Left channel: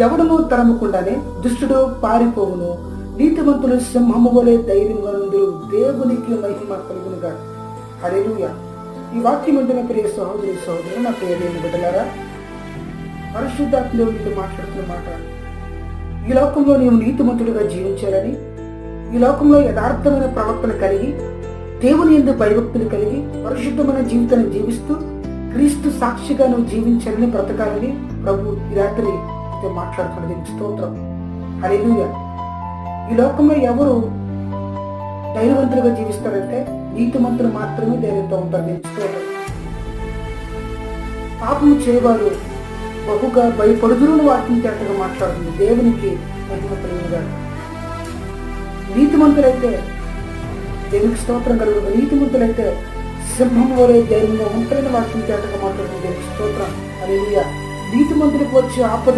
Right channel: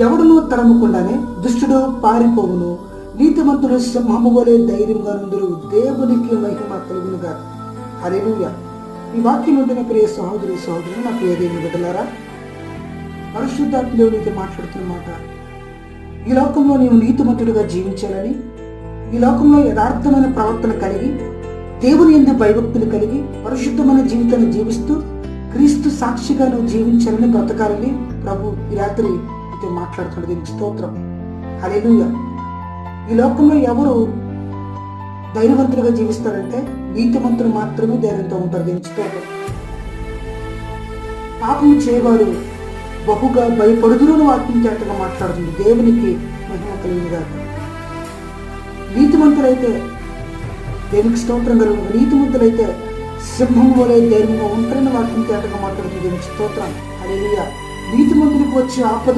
ఎవడునూ తరమకుండానే దుష్టుడు పారిపోవును, నీతిమంతులు సింహము వలె ధైర్యంగా నుందురు. దేవునికి మహిమ కలుగునుగా. హల్లెలూయా. ఈ వాక్యం ఉంటున్న ప్రియ సహోదరి సహోదరు, నా ప్రియ దేవుని బిడ్డలారా, పరిశుద్ధాత్మ నీతో మాట్లాడుతున్న మాట, ఈ లోకంలో నీవు నీతిమంతుడిగా జీవించాలని, ఈ లోకంలో యథార్థమైన ప్రవర్తన కలిగి, దేవుని యందు భయభక్తులు కలిగి, పరిశుద్ధమైన జీవితాన్ని జీవిస్తూ క్రీస్తు సాక్షిగా నువ్వు జీవించాలని, బ్రతకాలని ప్రభు ఈ రాత్రి నీతో మాట్లాడుతున్నది. స్తోత్రం. హల్లెలూయా. ఈ లోకంలో ఎవరు ధైర్యవంతులుగా జీవిస్తారంటే నీతిమంతులు మాత్రమే ధైర్యంతో ఉంటారు. స్తోత్రం. పాపము చేయవారు బహుగా భయపడుదురు వాక్యం చేతగా మాట్లాడుతుంది. దేవునికి మహిమ కలుగునుగా. నీతిమంతులైతే దేవునికి స్తోత్రం కలుగును. నీతిమంతులైతే సింహం వలె ధైర్యంగా ఉంటారని వాక్యం చేతగా మాట్లాడుతుంది. దేవునికి స్తోత్రం. హల్లెలూయా. నీతిమంతులకు వచ్చే ఆపదలు